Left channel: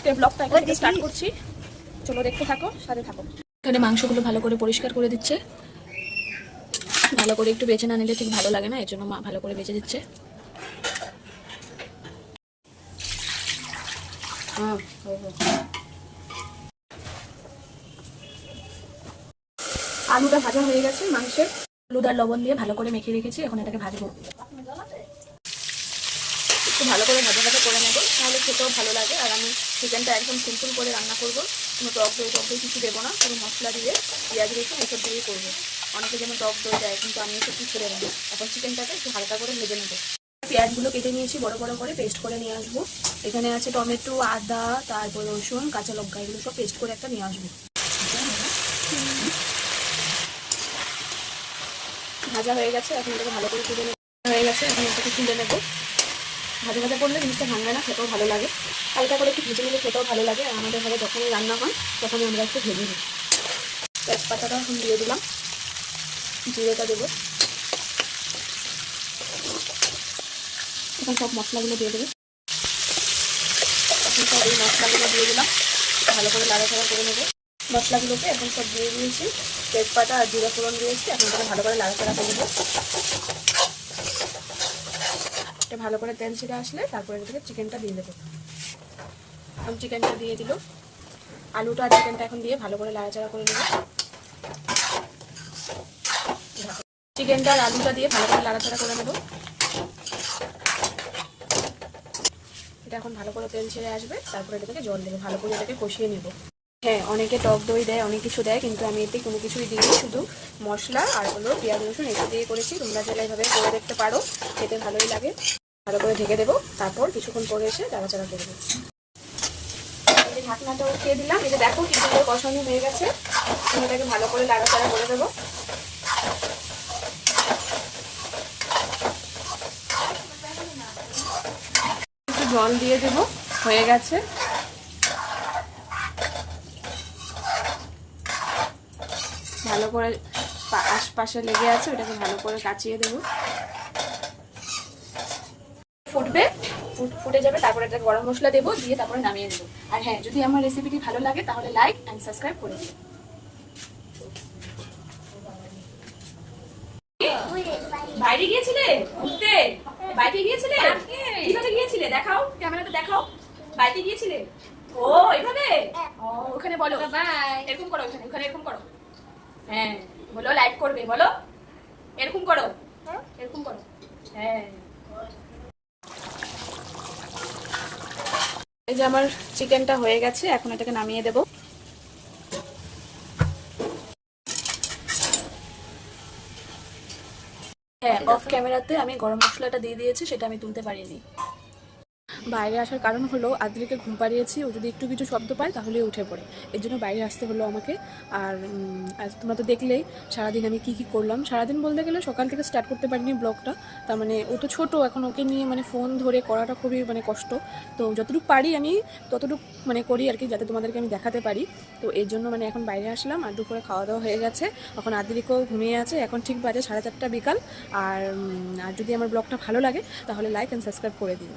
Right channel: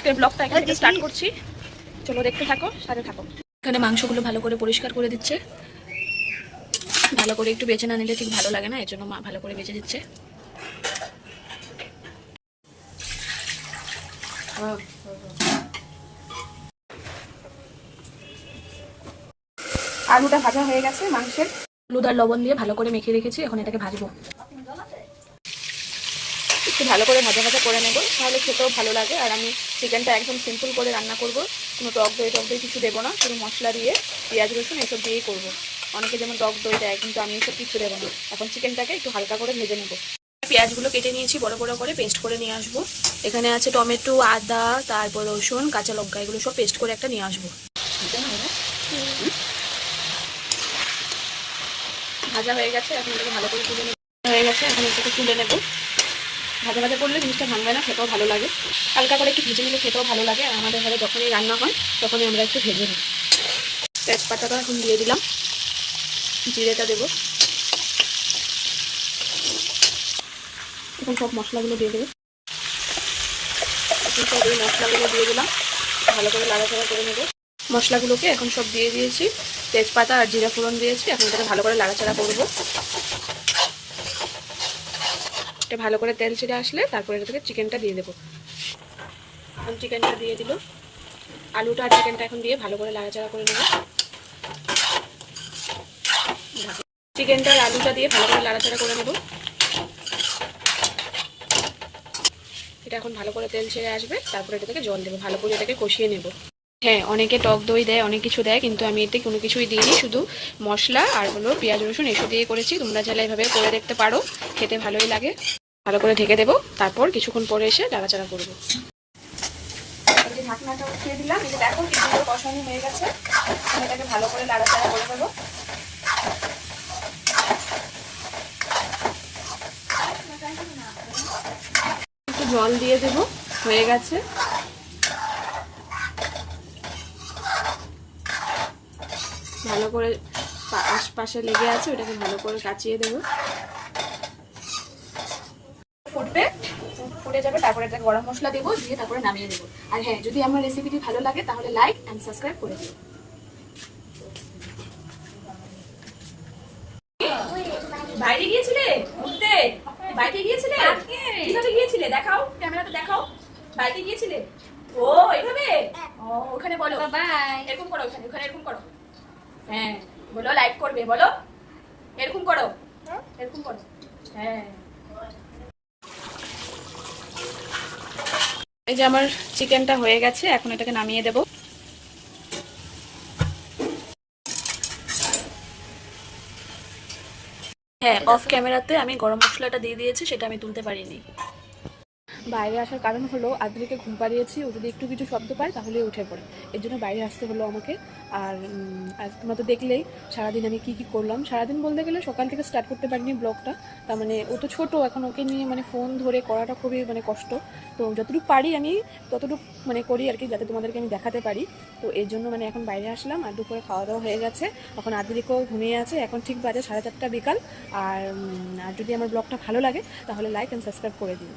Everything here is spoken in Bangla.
আজকের ব্লগটা এখান থেকে স্টার্ট করছি, চলো দেখতে থাকো, সাথে থাকো। এখানে মাংসগুলো ভালো করে পরিষ্কার করে দিচ্ছে, ভালো করে একটু বেছে না নিলে ঠিক ভালো লাগে না, এর জন্য মা ভালো করে বেছে দিচ্ছে। আলুটা ভাজা হয়ে গেছে, মাংসের হলুদ আর লবণ দিয়ে ভালো করে মেখে রেখেছি, এখন এটাকে ভাজবো। একটু ভালো করে ভাজা ভাজা করে নেবো, তাহলে খেতেও ভালো লাগে। আর আমি চিকেনটা একদম সিম্পল করে রান্না করব, কোনো টক দই কিছু দেবো না, শুধু মশলা দিয়ে পেঁয়াজ রসুন এসব দিয়েই করবো। অনেকে যেমন টক দই দেয়, কিন্তু আমি এসব কিছু দেবো না। এখন চিকেনটাকে একটু হালকা করে ভেজে নেবো। পেঁয়াজগুলো কেটে নিয়েছি, বড় বড় করে পেস্ট করে নিয়ে আসবো। এখানে আছে টমেটো, আদা, তারপর রসুন, কাঁচা লঙ্কা, এগুলো সব পেস্ট করে একটা নিয়ে আসবো। ভাজা হয়ে গেছে, এখন এটাকে ভালো করে তুলে হয়ে গেছে, এখন এটাকে তুলে নেবো। ভাজা ভাজা করলে জিনিসটা ভাঙবে না, খেতেও ভালো লাগে। হালকা করে একটু ভেজে নিলে খেতেও ভালো লাগে। আর আমাদের ঘরে যখনই রান্না হয় তখনই আমরা একটু ভেজে নিই। তেজপাতাটা এখন দিয়ে দিলাম, জিরেটা দেবো, এখন সব মশলাগুলো দিয়ে দেবো। এখন সব এই মশলাগুলো দিয়ে দিলাম, ভালো করে লাড়াচাড়া করে নেবো। মশলাগুলোকে এখন সব দিয়ে দিয়েছি, তেজপাতা আর জিরা ফোড়ন দিয়েছি। এখন এটাকে ভালো করে লাড়াচাড়া করবো। এটা ভালো করে তেল ছেড়ে আসলে তারপরে এটা থেকে চিকেনটা দিয়ে দেবো। এখন চিকেনটা দিয়ে দিল, আলুটা আর চিকেনটা এখন দিয়ে ভালো করে লাড়াচাড়া করে নেবো। চিকেনটা আর আলুটা দিয়ে ভালো করে লাড়াচাড়া করে নেবো। এটা এখন ভালো করে তেল ছেড়ে আসবে, তারপরে এটা থেকে জল দেবো, ভালো করে এটাকে কষিয়ে নেব। হ্যাঁ, অনেকে টক দই দেয়, অনেক কিছু দেয়, কিন্তু আমি এতে কোনো কিছুই দিইনি, শুধু মশলা আর হলো পেঁয়াজ রসুন এসব দিয়ে করেছি। তোমরা চাইলে এইভাবে করে দেখতে পারো, খেতে ভালোই লাগে। ভালো করে ঢেকে দেবো, তারপর কিছুক্ষণ পরে এসে নাড়াচাড়া করবো। এই যে ঢাকনাটা উঠিয়ে দিলাম, এই যে দেখো কি সুন্দর কষানো হয়ে গেছে। আমি এটাকে ভালো করে নাড়াচাড়া করে দেবো। একটু জল দিয়ে দেবো, হয়ে গেছে। ভালো করে আশপাশে লেগে আছে, ওটাকে ভালো করে কাচিয়ে দেবো। ফুটবে, ফুটে যাবে, তারপরে একটা গরম মশলা দেবো, দিয়ে তারপরে নামিয়ে দেবো। আর হ্যাঁ, যদি আমার রেসিপিটি ভালো লাগে তাহলে লাইক এন্ড সাবস্ক্রাইব করে দিও। বাইরে গিয়েছিলে ঘুরতে? বাইরে গিয়েছিলে? কিভাবে গিয়েছিলে দেখাও, ক্যামেরাতে দেখাও। বাইরে গিয়েছিলে? ও এইভাবে, ও ওখানে বলো এরকম করো, ওখানে ওখানে এরকম করো। হ্যাঁ বলো, লাইক করবে, বলো এরকম করো, এরকম করো। হ্যাঁ, এই যে আমার চিকেনটা হয়ে গেছে, এখন এটাকে নামিয়ে দেবো। হ্যাঁ, অফ ক্যামেরাতে আমি গরম মশলাটা দিয়ে দিয়েছি, সেটা আমি তুলতে পারিনি। বাইরে আসার কারণ হলো আদ্রিকে ঘুম পাড়িয়েছি, ও যদি একটু কিছু শব্দ পায় তাহলে উঠে পড়ে, এর জন্য বাইরে আসতে হলো আমাকে। আর তোমরা তো দেখলেই সারাদিন আমি কি করলাম। সারাদিন বলতে গেলে সকাল থেকে স্টার্ট করতে পারিনি ব্লগটা, তার মানে ও তো ছোটো এখন, ওকে নিয়ে মানে ফোন ধরে করাটা খুবই মানে কষ্ট। তো যতটুকু পারি আমি ততটুকু মানে করি আর কি, যাতে তোমাদেরকে আমি দেখাতে পারি। তো এর জন্য মানে এখন বাইরে আসলাম। আর দুপুরে খাওয়া দাওয়া হয়ে গেছে, এখন আদ্রিকেও ঘুমিয়ে আছে, এখন ঠিক বাজে 4:30 বিকাল। আর যদি আমার ব্লগটা ভালো লাগে তাহলে লাইক অ্যান্ড সাবস্ক্রাইব করে দিও।